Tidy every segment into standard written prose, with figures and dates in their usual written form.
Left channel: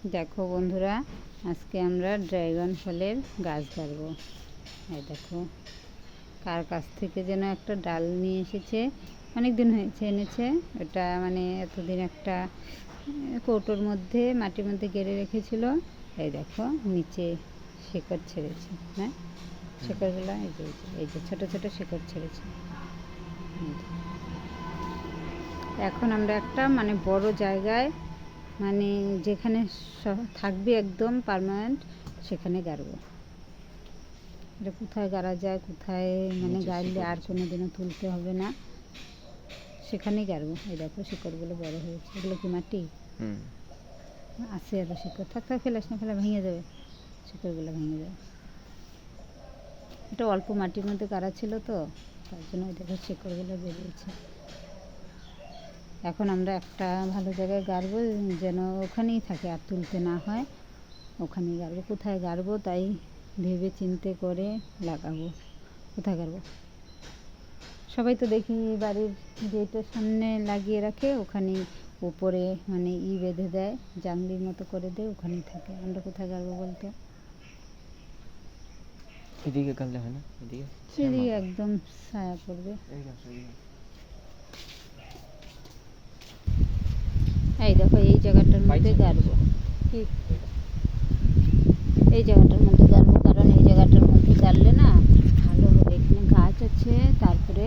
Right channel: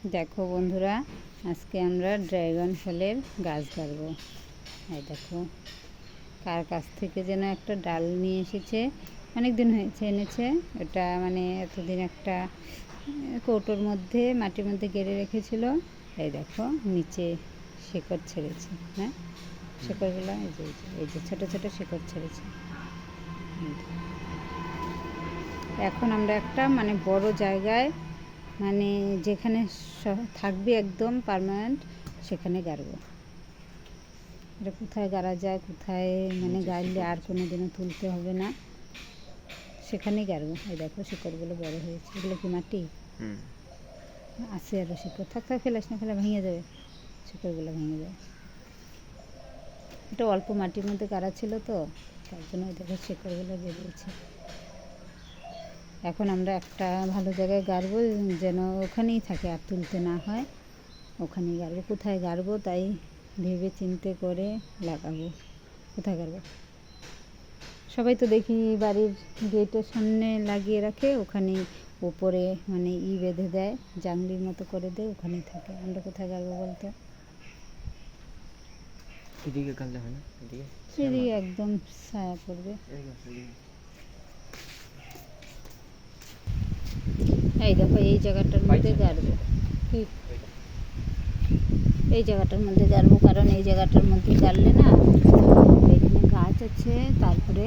দেখো বন্ধুরা, আজকে আমরা ড্রাগন ফলের গাছ গাড়বো। এই দেখো, কার কাছ থেকে যেন একটা ডাল নিয়ে এসেছে, অনেক দিন হয়েছে এনেছে। ওটা মানে এতদিন একটা কৌটোর মধ্যে মাটির মধ্যে গেড়ে রেখেছিল। এই দেখো নিচে শিকড় ছেড়েছে। হ্যাঁ, শিকড়গুলো এই যে ছোটো ছোটো শিকড় ছেড়েছে। এখন আমরা একটা মানে বড় জায়গায়, মানে যেখানে থাকবে একদম পার্মানেন্ট, সেখানে গাড়বো। এটা কোথায় গাড়া যায়, কোথায় মানে গাড়লে আর কোনো দিনও তুলতে হবে না, সেখানেই গাড়বো। এই দেখো শিকড়গুলো বড় হয়েছে। এগুলো কি মাটি? আছে আরও শিকড়। থাক ফেলাস না, ফেলে ভেঙে যাবে, শিকড়গুলো ভেঙে যাবে। এটা অল্প মাটির মধ্যে গাড়া ছিল তো, তার জন্য ওই দেখো শিকড়গুলো বেরিয়েছে। এখন আমরা একটা ভালো জায়গায় গাড়বো, যেন ওখানেই থাকে, আর তুলতে না হয়। ওখানেই গাড়বো। কোথায় গাড়বো তাই ভেবে চিন্তে করে লাগাবো। কোথায় গাড়বো? সবাই তো দেখি বাড়ির গেটের সামনে লাগিয়ে রাখে, ওখানে উপরে মানে বেঁধে দেয়, জাংলির মতো করে দেয়, ওখানেই থাকে। আমরা কোথায় গাড়বো বলতো? এদিকে গাড়লে হয় না? এদিকে একদম ছায়া পড়বে। এই দেখো, এই জায়গাটার মধ্যে গাড়বো। ঠিক এই জায়গাটার মধ্যে গাড়বো, কারণ এই জায়গাটার মধ্যে গাড়লে না, এখানে গাছ আছে, তারপরে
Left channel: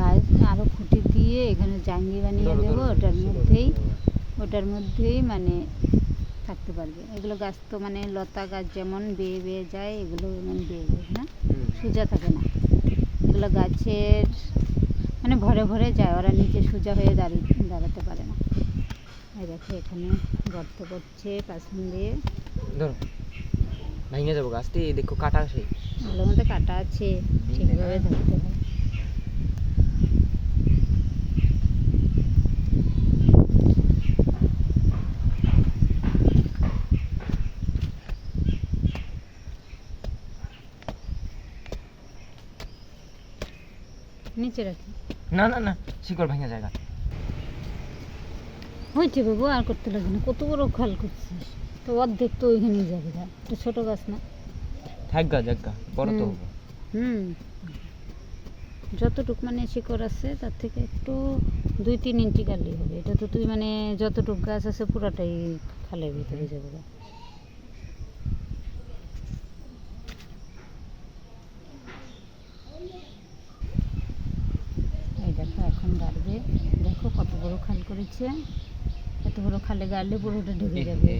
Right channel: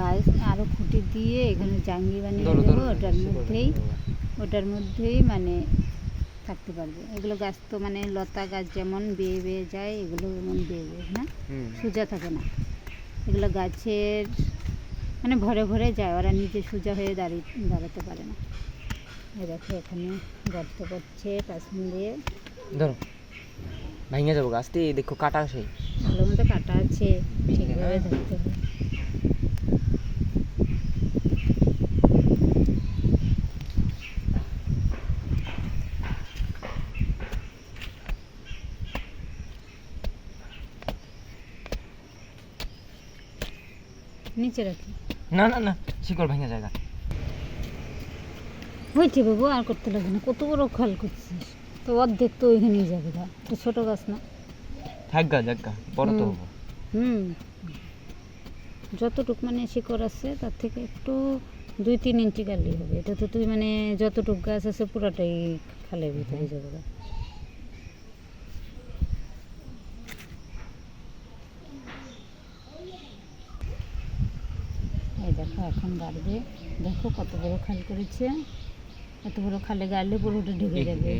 গাছ আরও খুঁটি দিয়ে এখানে জাঙ্গি বানিয়ে দেবো। ওটার মধ্যেই মানে থাকতে পারবে। এগুলো গাছ তো মানে লতা গাছ যেমন বেয়ে বেয়ে যায়, এগুলো যেমন বেয়ে বেয়ে, হ্যাঁ, সোজা থাকে না। এগুলো গাছের মানে ভরে ভরে যায়, ওরা নিচে সোজা হয়ে দাঁড়াতে পারে না। এই দেখো এখানে গর্ত করছে পাশন দিয়ে। ধরো ভেঙে যাবো গাছটি। দেখো কাটা আছে, এগুলোর মধ্যে কাটা আছে, ঠিকভাবে ধরতে হয়। নিচে রাখি। না না না, শিকড় ভেঙে জায়গা হয়েছে বাবু, আর করতে লাগে না। কত বড় খাল করছিস, তো অর্ধেক তো ওইখানেই যাবে। তো ছোটো গাছ না, থাকগা জায়গা বড় তো হবো। যতটুক মানে শিকড় আছে তার থেকে একটু 2-3 ইঞ্চি গাড়লেই হবে। এটা তো তুই মানে যতটুক গাছ আছে পুরাটাই খালের ভিতরে যাবে। এই দেখো এখন গাড়বে। দেখো কত বড় খাল করেছে। এত বড় খালে গাড়লে পুরোটা ঢেকে যাবে।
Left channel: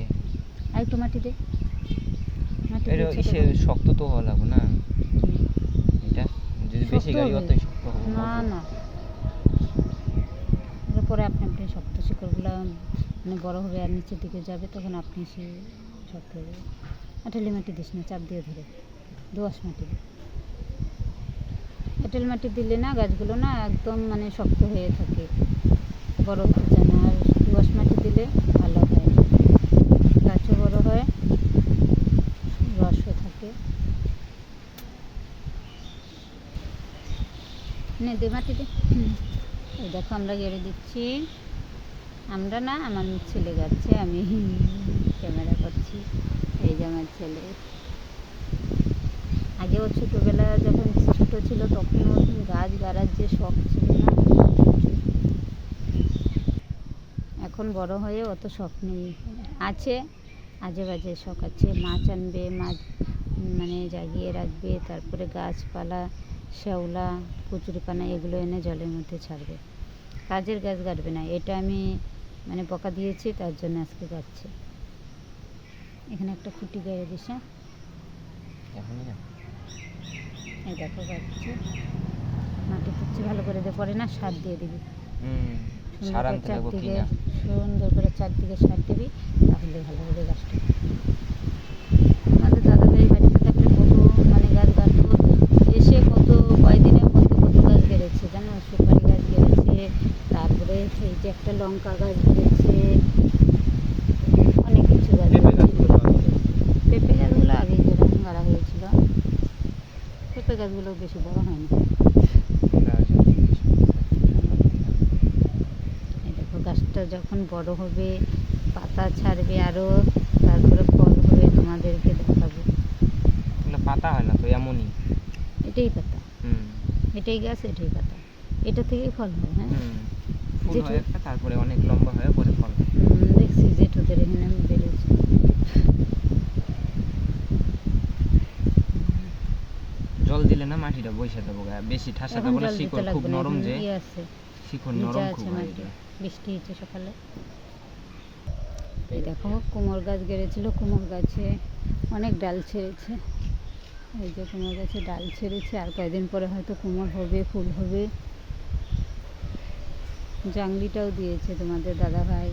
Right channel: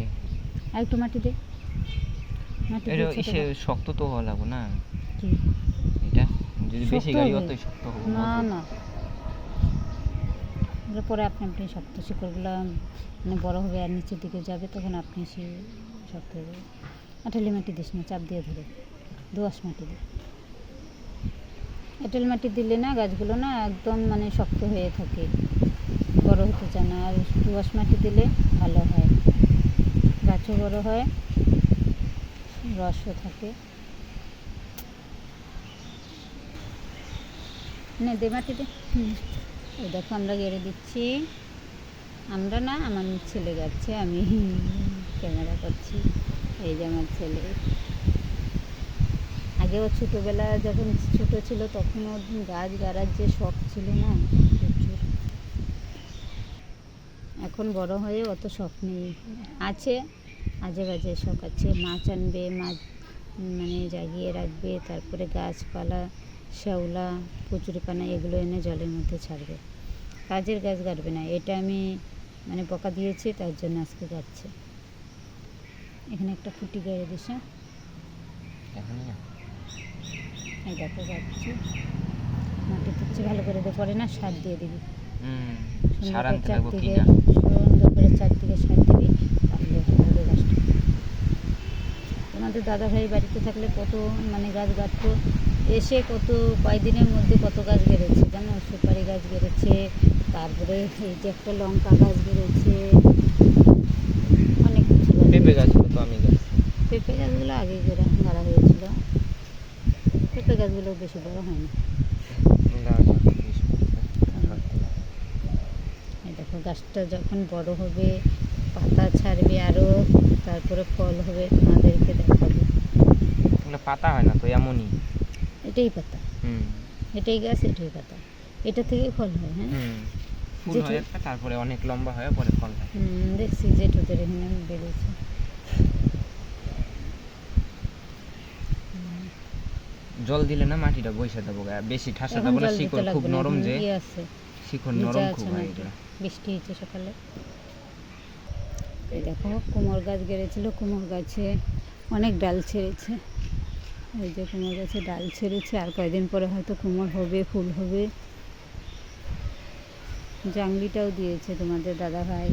আর একটু মাটি দে। শক্ত তো হওয়া লাগবে না, এটা যদি বেশি গাড়ি অতই শক্ত হবে না। না, পরে আপনি শক্ত শিকড়গুলো মানে বড় হবে আর নিচের দিকে যাবে, তখন আপনি সে শক্ত হয়ে যাবে। আঠালি মাটি দিস না, চাপ দিয়ে ধরে দোআঁশ মাটি দে। এঁটেল মাটি দিলে না গাছগুলো না একদম মানে শক্ত হয়ে থাকে, বড় হতে চায় না। আর দোআঁশ মাটি দিলে ভালো হয়, গাছও বড় হয়, রসও থাকে। নে দে মাটি দে। এই দেখো আমরা গেড়ে দিচ্ছি। আমরা না, আমার ছেলে গাচ্ছে, আমি ক্যামেরা করছি। এই যে আমার ছেলে। আগে ও ছোটোবেলা যখন ছোটো ছিল তখন ও গাছ গাড়ার যে শখ ছিল না প্রচুর। এখন বড় হয়ে অত শখ নেই, আছে আজে বাজে শখ আছে। মাছ আনবে, মাছ মানে জাগিয়ে রাখবে, তারপরে গাছপালা, শ্যাওলা, কচুরিপানা এগুলো এনে জলের মধ্যে ছাড়বে। কাজের গাছ গাড়বে না। এটা আমি মানে বকা দিয়েছি, তার জন্য আজকে গাচ্ছে। এখানে একটা খুঁটি গেড়ে দিস। এই দেখো গাচ্ছে, মাটি তুচ্ছে ভালো করে দিয়ে, পরে না সার দিয়ে দিবি। সুন্দর করে চারদিকে সার দিবি, তাহলে ভালো হবে গাছটা। আমাদের দাদাভাই বাড়িতে থাকলে কত মানে গাছ গাড়তো, এসে কয়েকদিনের মধ্যে কত গাছ গেড়েছে জানো। সুপারি গাছ গেড়েছে, তারপরে এই যে একটা লঙ্কা গাছ গেড়েছে, অনেক কিছু গাছ। পেঁপে গাছগুলো আগেই গাড়া হয়েছিল। পেঁপে গাছগুলো বেশি বড় হয়নি। এই দেখো গাছটা যখন বড় হবে, পাতা ছাড়বে আরও, তারপরে ফল হবে, তোমাদেরকে দেখাবো। এগুলো পাতা হয় না তো, এমনই। এটাই পাতা, হুম এটাই গাছ, এটাই পাতা, এটা থেকেই ফল হয়। হ্যাঁ, হুম ফুল জেঠু, হয় একটা, তারপরে অনেক লম্বা হয়, পরে ফল হয়। দেখছি জেঠুদের এখানে বেরোচ্ছে। জল দিলে না মাটিটা বসে দেবো গায়ে, বেশি ঠাসা এখন দেবো না, জল দিতে শিকড় খুব লাগবে না, নরম এখন যে, ইয়ে আছে, শিকড় ভিজা নরম আছে খুব হয় মাটি, এগুলো। বৃষ্টি হয়েছে সকালে। এই দেখো কুমড় গাছ গেড়েছিল, কুমড় গাছে অনেক ডাল ছেড়েছে। এই যে কুমড় গাছে ডাল ছেড়েছে, আর কয়েকদিন পরে হয়তো কুমড় হবে, ফুল হবে। জাংলিটাও দিয়েছে তোমাদের দাদা ভাই।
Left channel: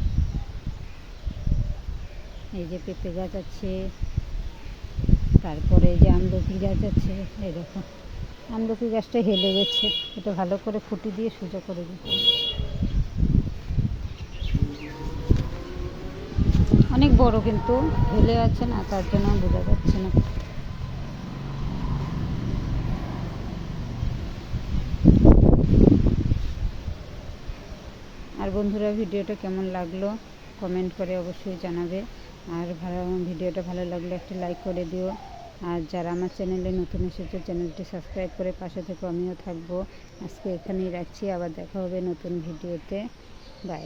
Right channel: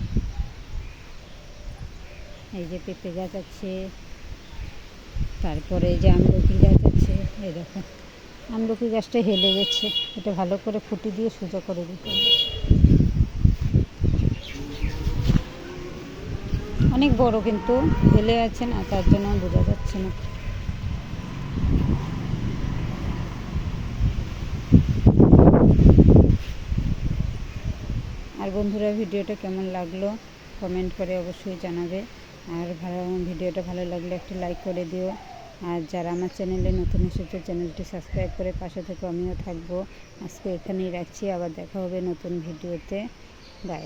এই যে পেঁপে গাছ আছে, তারপরে এই যে আমলকি গাছ আছে। এই দেখো আমলকি গাছটা হেলে গেছে, এটা ভালো করে খুঁটি দিয়ে সোজা করে দিতে হবে। অনেক বড়, কিন্তু হেলে আছে না, তার জন্য বোঝা যাচ্ছে না। আর বন্ধুরা, ভিডিওটা কেমন লাগলো কমেন্ট করে অবশ্যই জানাবে। আর ভিডিওটা ভালো লাগলে একটা লাইক করে দিও। আর যারা আমার চ্যানেলে নতুন এসেছে, চ্যানেলটি সাবস্ক্রাইব করে পাশে থেকে আমিও থাকবো। আজকে এখানেই রাখছি, আবার দেখা হবে নতুন ভিডিওতে। বাই।